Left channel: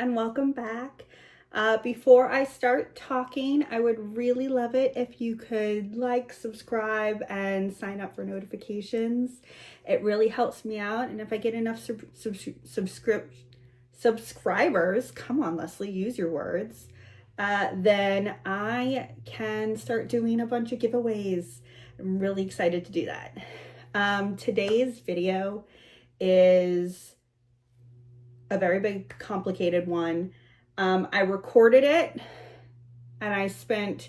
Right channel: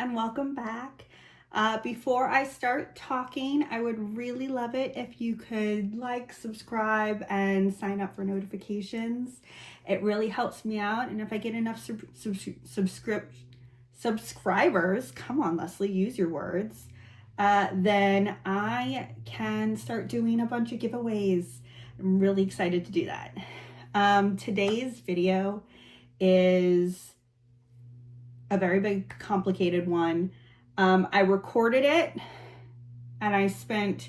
and welcome back. Before I start talking, I would really love it if you could like, subscribe, and sign up for notifications. It really helps me out, and if I get enough subscribers, come on Leslie, use your words, then I can start doing a bunch of giveaways. I'm really excited to do that. Today's video is a very big, complicated one. I recorded it and I spent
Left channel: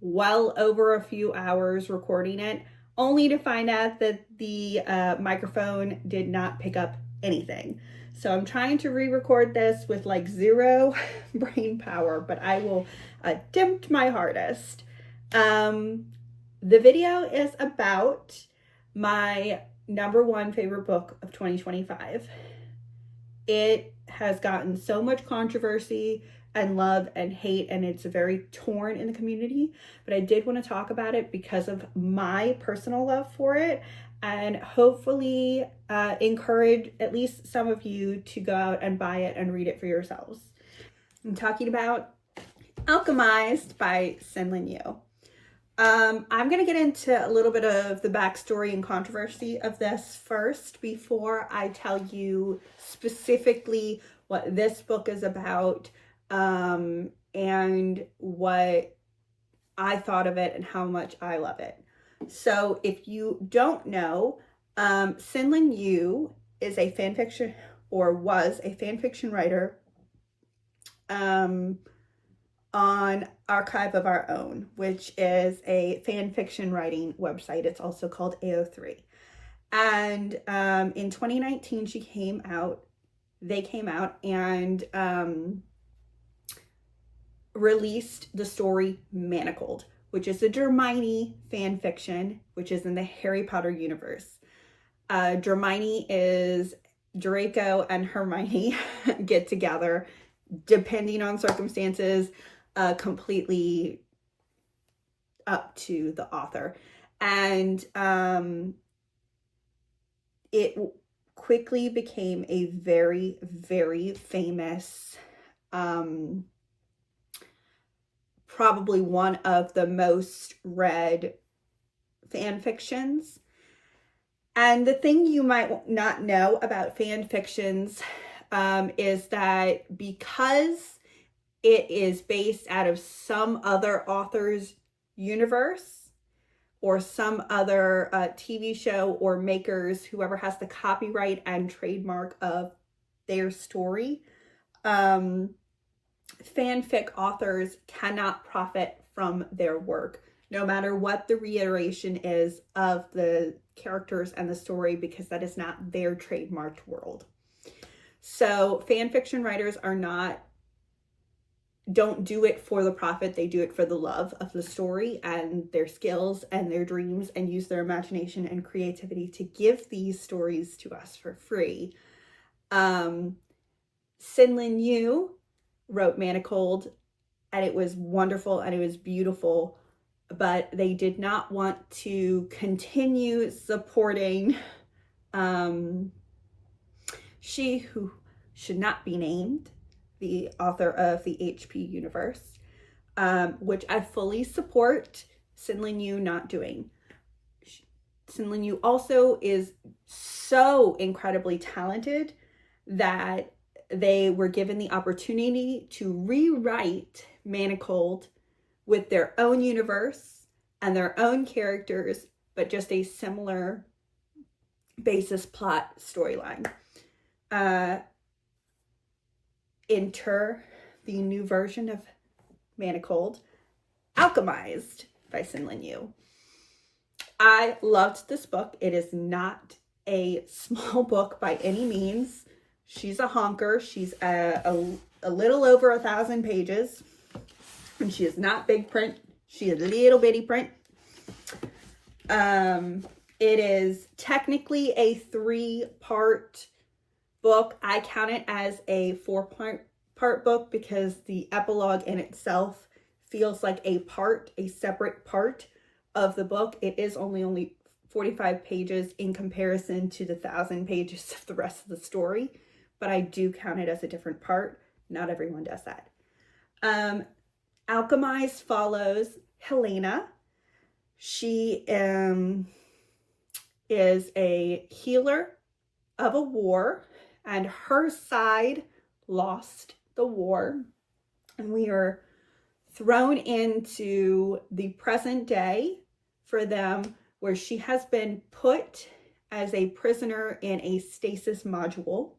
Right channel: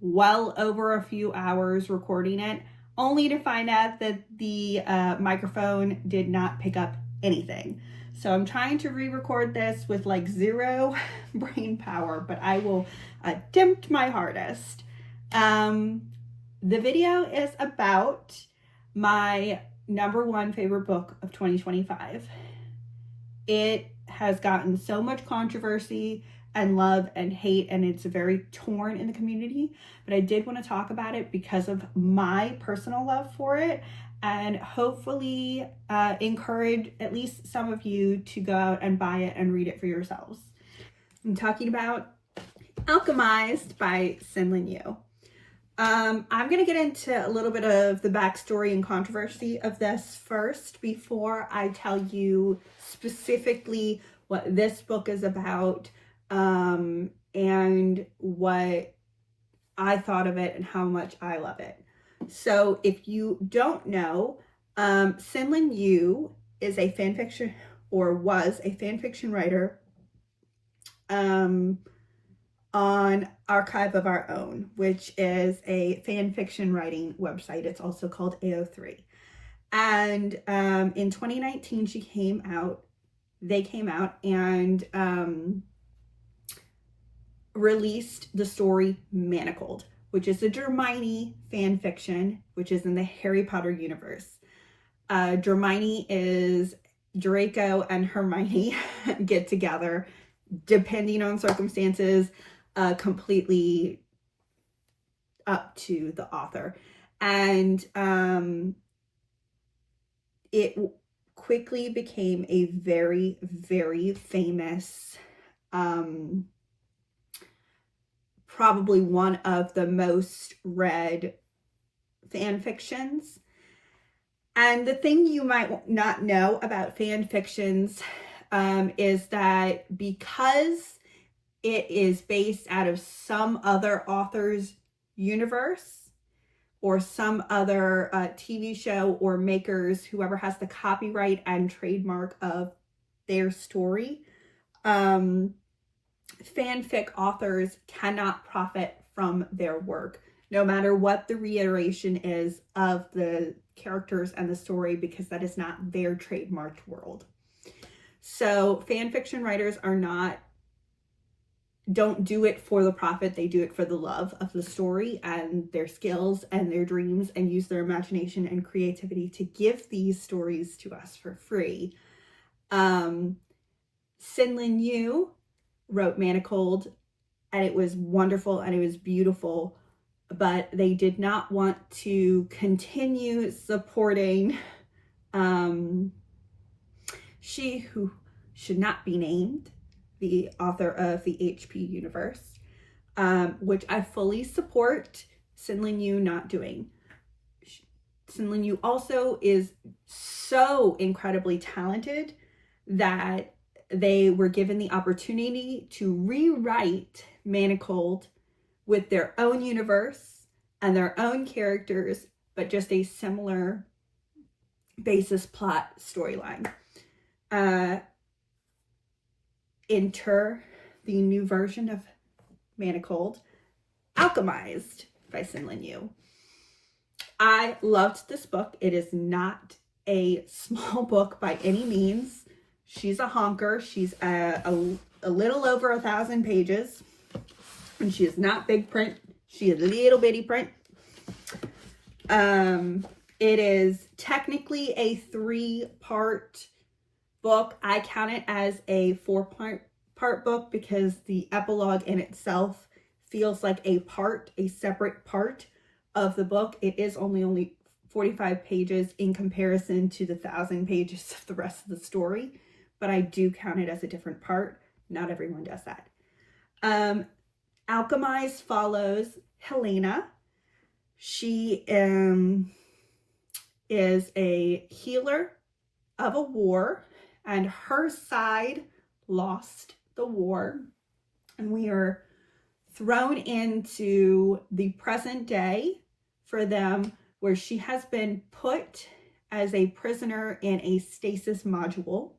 well over a few hours recording it, only to find out that the microphone did not pick up anything. So I'm trying to re-record this with like zero brain power, but I will attempt my hardest. The video is about my #1 favorite book of 2025. It has gotten so much controversy and love and hate, and it's very torn in the community, but I did want to talk about it because of my personal love for it, and hopefully encourage at least some of you to go out and buy it and read it for yourselves. I'm talking about Alchemised by SenLinYu. I'm going to get into a little bit of the backstory and controversy of this first before I tell you specifically what this book is about, and what I thought of it and how much I love it. So if you don't know, SenLinYu is a fanfiction, or was a fanfiction writer, on Archive of Our Own, which is a fan fiction writing website. It's also called AO3. And in 2019, they came out and released the story Manacled, which is a Hermione fan fiction, which is in the Harry Potter universe. Hermione is Draco and Hermione get together, depending on circumstances, completely up to the author. And it quickly became a very, very famous, probably one of the most read fan fictions. And the thing you might not know about fan fictions is that because it is based out of some other author's universe or some other TV show or makers, whoever has the copyright and trademark of their story, fanfic authors cannot profit from their work, no matter what the reiteration is of the characters and the story, because that is not their trademarked world. So fanfiction writers don't do it for the profit. They do it for the love of the story and their skills and their dreams, and use their imagination and creativity to give these stories to us for free. SenLinYu wrote Manacled, and it was wonderful and it was beautiful, but they did not want to continue supporting she who should not be named, the author of the HP universe, which I fully support SenLinYu not doing. SenLinYu also is so incredibly talented that they were given the opportunity to rewrite Manacled with their own universe and their own characters, but just a similar basis plot storyline. Enter the new version of Manacled, Alchemized by SenLinYu. I loved this book. It is not a small book by any means. She's a honker. She's a little over 1,000 pages, and she is not big print. She is little bitty print. It is technically a 3-part book. I count it as a 4-part book because the epilogue in itself feels like a separate part of the book. It is only 45 pages in comparison to the 1,000 pages of the rest of the story, but I do count it as a different part Not everyone does that. Alchemised follows Helena. She is a healer of a war, and her side lost the war. And we are thrown into the present day for them, where she has been put as a prisoner in a stasis module.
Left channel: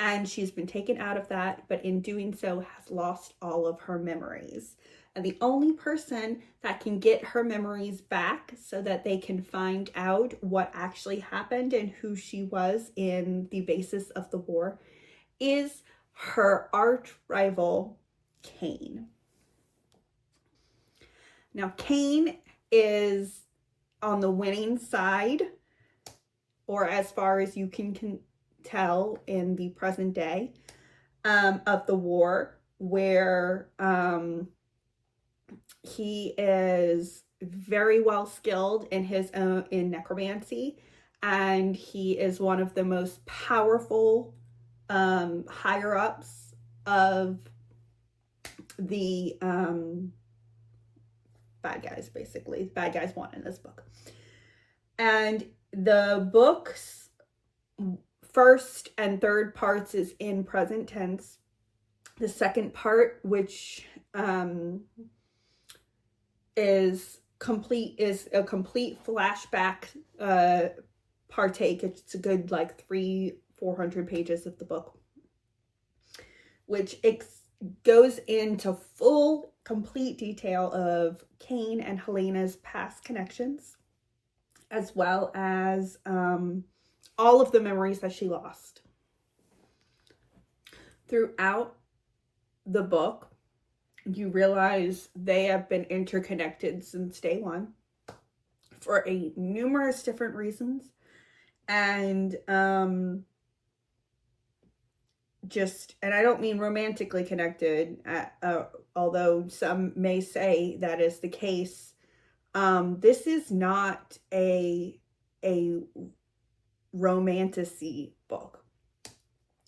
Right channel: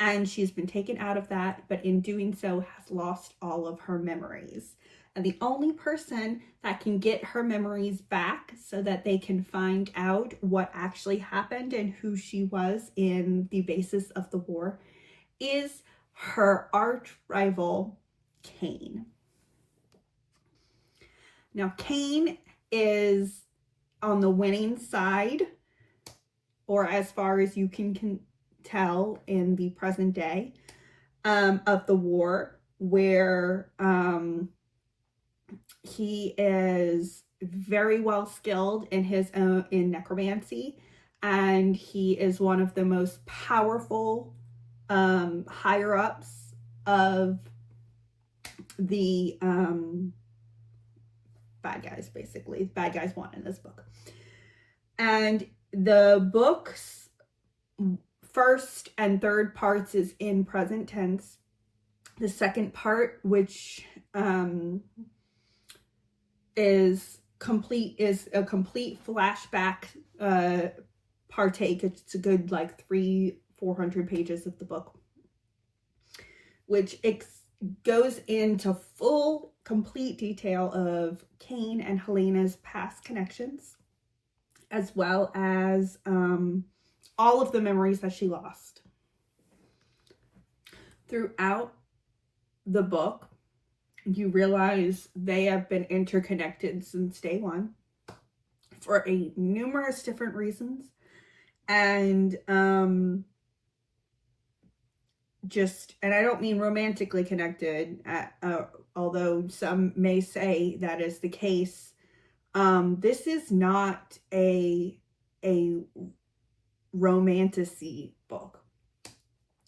And she's been taken out of that, but in doing so has lost all of her memories. And the only person that can get her memories back so that they can find out what actually happened and who she was in the basis of the war is her arch rival, Cain. Now, Cain is on the winning side, or as far as you can tell in the present day of the war, where he is very well skilled in his own in necromancy, and he is one of the most powerful higher ups of the bad guys. Basically, bad guys won in this book. And the book's first and third parts is in present tense. The second part, which is a complete flashback partake. It's a good like 300-400 pages of the book, which goes into full complete detail of Cain and Helena's past connections, as well as all of the memories that she lost. Throughout the book, you realize they have been interconnected since day one for numerous different reasons. And and I don't mean romantically connected, although some may say that is the case. This is not a romantasy book.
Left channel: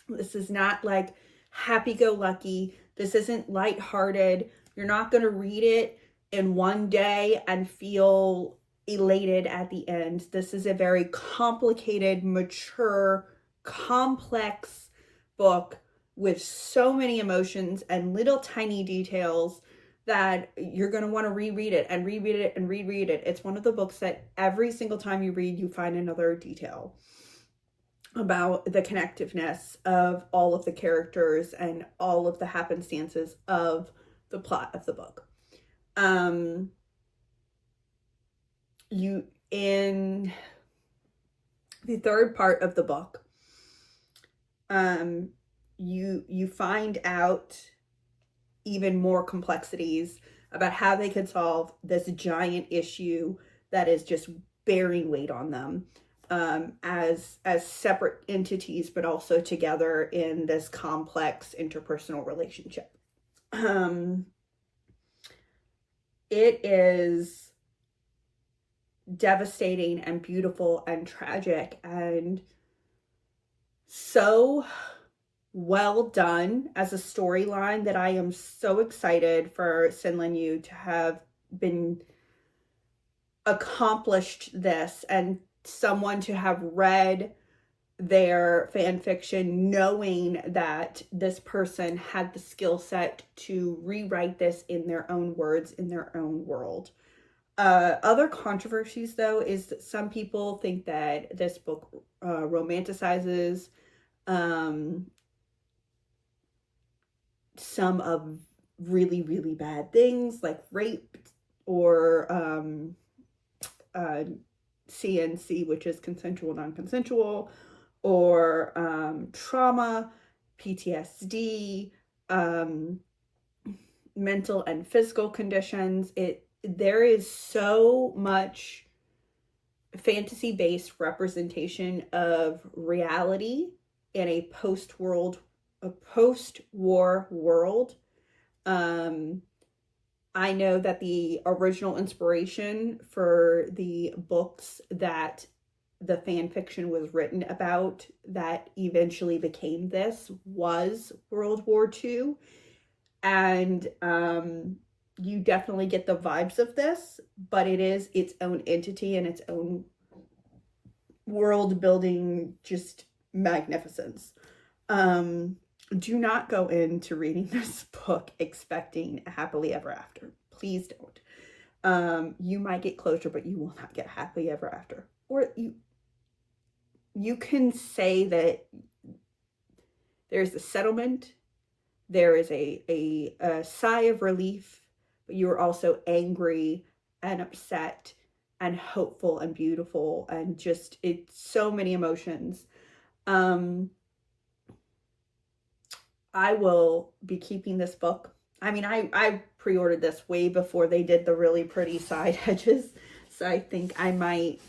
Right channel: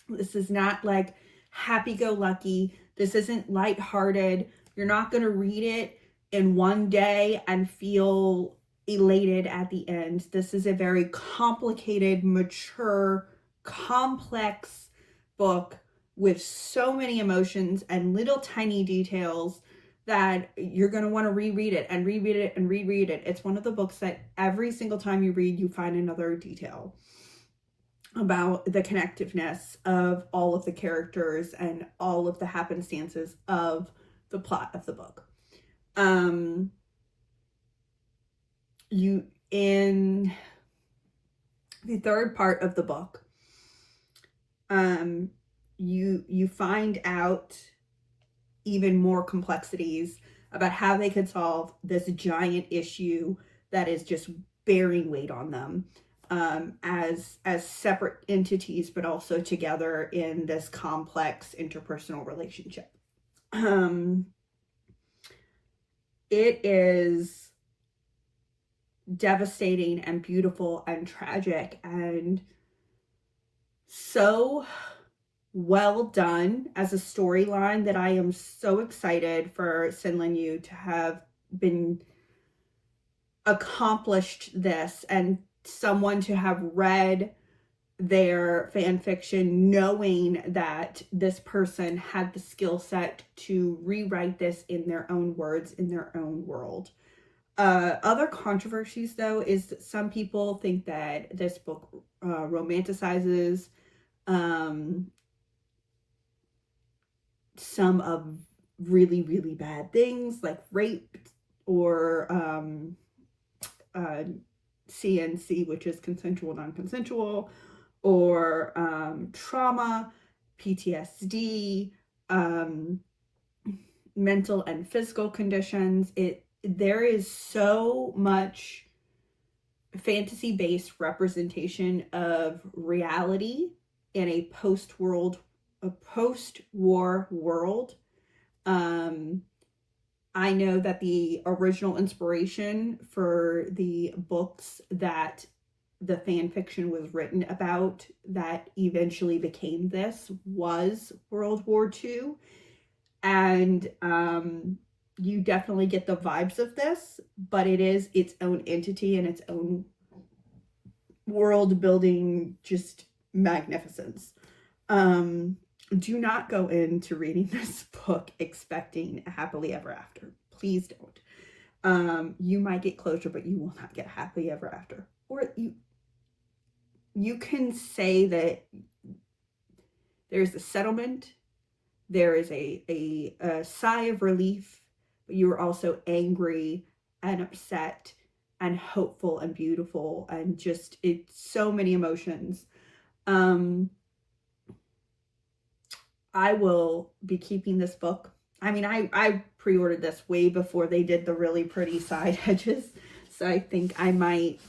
This is not like happy-go-lucky. This isn't lighthearted. You're not going to read it in one day and feel elated at the end. This is a very complicated, mature, complex book with so many emotions and little tiny details that you're going to want to reread it and reread it and reread it. It's one of the books that every single time you read, you find another detail about the connectiveness of all of the characters and all of the happenstances of the plot of the book. In the third part of the book, you find out even more complexities about how they could solve this giant issue that is just bearing weight on them, as separate entities, but also together in this complex interpersonal relationship. It is devastating and beautiful and tragic and so well done as a storyline that I am so excited for SenLinYu to have been accomplished this, and someone to have read their fan fiction knowing that this person had the skill set to rewrite this in their own words, in their own world. Other controversies, though, is that some people think that this book romanticizes some of really, really bad things like rape or CNC, which is consensual, non-consensual, or trauma, PTSD, mental and physical conditions. There is so much fantasy-based representation of reality in a post-war world. I know that the original inspiration for the books that the fan fiction was written about that eventually became this was World War II. And you definitely get the vibes of this, but it is its own entity and its own world building, just magnificence. Do not go into reading this book expecting a happily ever after. Please don't. You might get closure, but you will not get happily ever after. Or you can say that there's a settlement, there is a sigh of relief, but you're also angry and upset and hopeful and beautiful, and just, it's so many emotions. I will be keeping this book. I mean, I pre-ordered this way before they did the really pretty side edges. So I think I might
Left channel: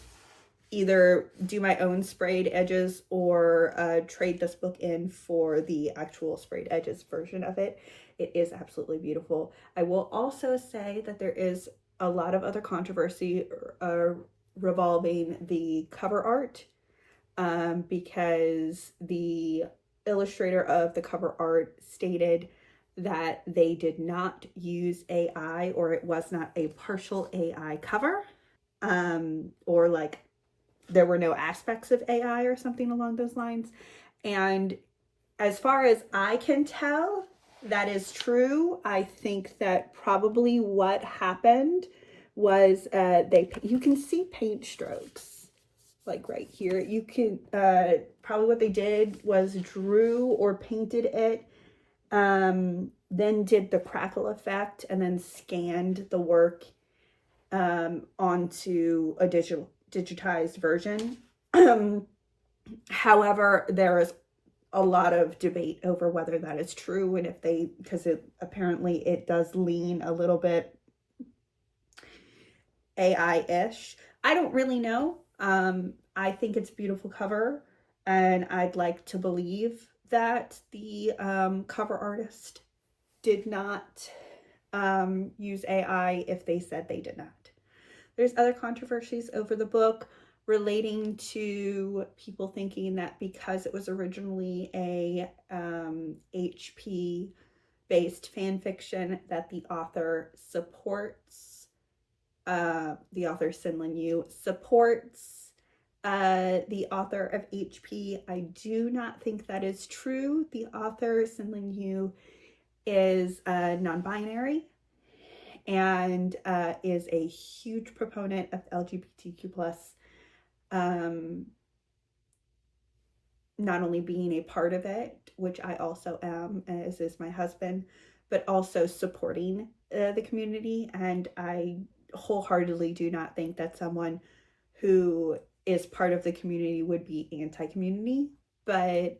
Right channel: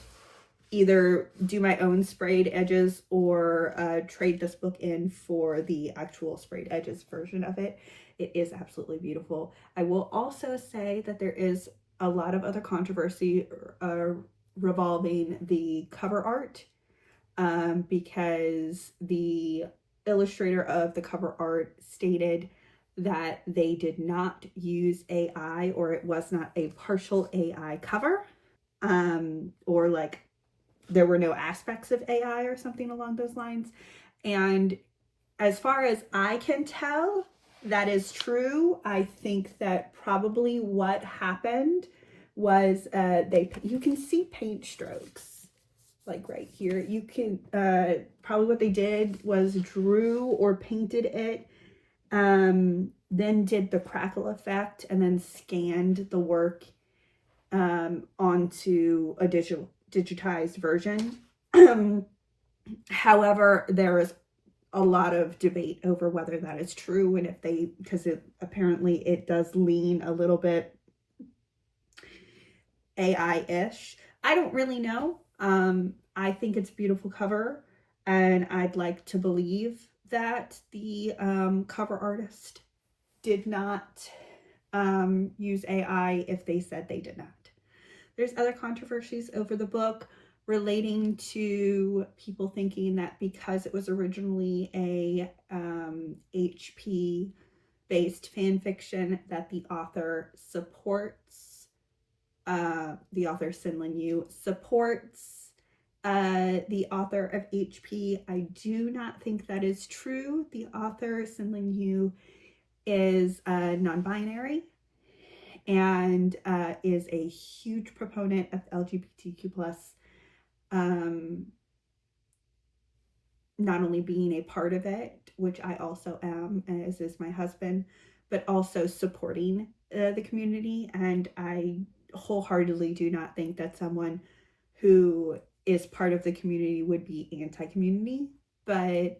either do my own sprayed edges or trade this book in for the actual sprayed edges version of it. It is absolutely beautiful. I will also say that there is a lot of other controversy revolving the cover art, because the illustrator of the cover art stated that they did not use AI, or it was not a partial AI cover, or like there were no aspects of AI or something along those lines. And as far as I can tell, that is true. I think that probably what happened was you can see paint strokes like right here. You can probably what they did was drew or painted it, then did the crackle effect, and then scanned the work onto a digitized version. However, there is a lot of debate over whether that is true, and if they, because apparently it does lean a little bit AI-ish. I don't really know. I think it's a beautiful cover, and I'd like to believe that the cover artist did not use AI if they said they did not. There's other controversies over the book relating to people thinking that because it was originally a HP based fan fiction, that the author supports, the author SenLinYu supports the author of HP. I do not think that is true. The author SenLinYu is non-binary and is a huge proponent of LGBTQ plus, not only being a part of it, which I also am, as is my husband, but also supporting the community. And I wholeheartedly do not think that someone who is part of the community would be anti-community, but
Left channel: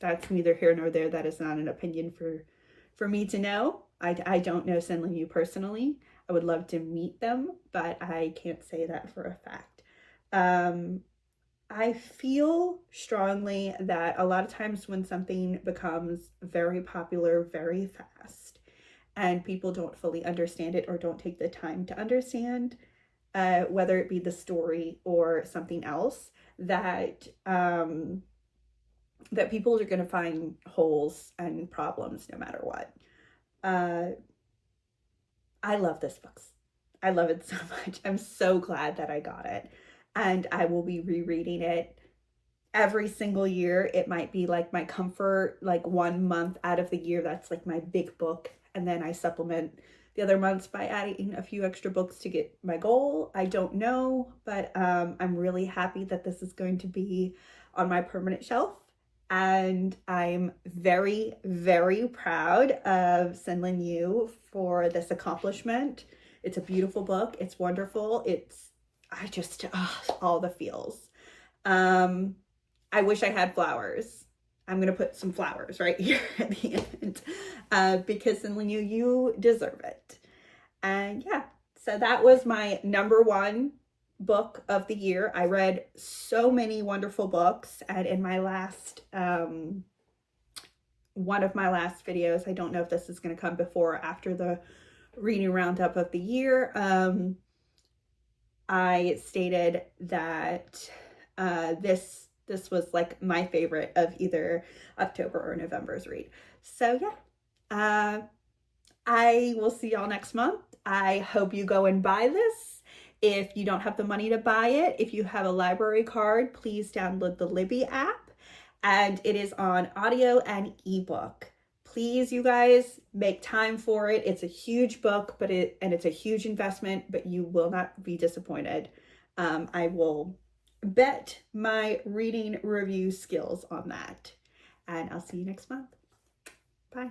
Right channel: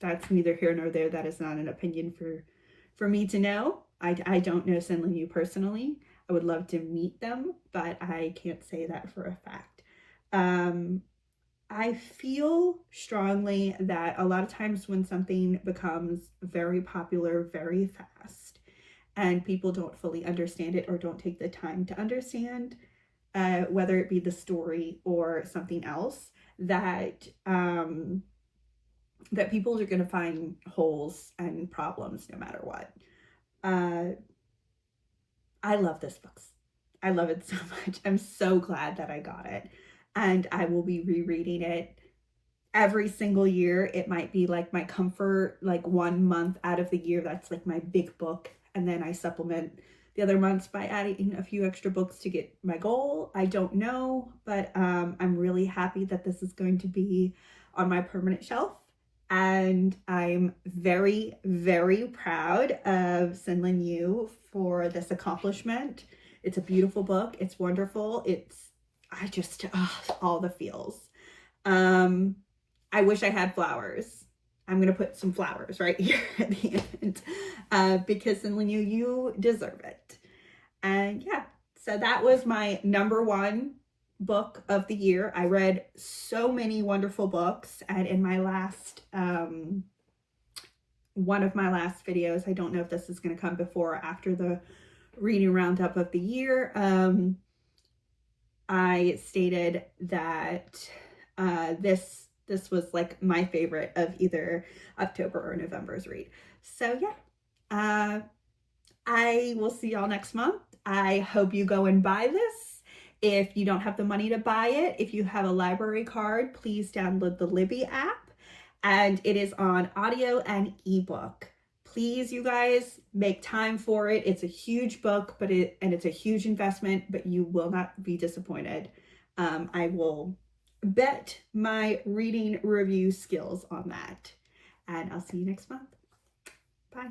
that's neither here nor there. That is not an opinion for me to know. I don't know SenLinYu personally. I would love to meet them, but I can't say that for a fact. I feel strongly that a lot of times when something becomes very popular very fast and people don't fully understand it or don't take the time to understand, whether it be the story or something else, that that people are going to find holes and problems no matter what. I love this book. I love it so much. I'm so glad that I got it. And I will be rereading it every single year. It might be like my comfort, like 1 month out of the year, that's like my big book. And then I supplement the other months by adding a few extra books to get my goal. I don't know, but I'm really happy that this is going to be on my permanent shelf. And I'm very, very proud of SenLinYu for this accomplishment. It's a beautiful book. It's wonderful. All the feels. I wish I had flowers. I'm going to put some flowers right here at the end, because SenLinYu, you deserve it. And yeah, so that was my #1 book of the year. I read so many wonderful books, and in my last, one of my last videos, I don't know if this is going to come before or after the reading roundup of the year, I stated that this was like my favorite of either October or November's read. So yeah, I will see y'all next month. I hope you go and buy this. If you don't have the money to buy it, if you have a library card, please download the Libby app, and it is on audio and ebook. Please, you guys, make time for it. It's a huge book, and it's a huge investment, but you will not be disappointed. I will bet my reading review skills on that. And I'll see you next month. Bye.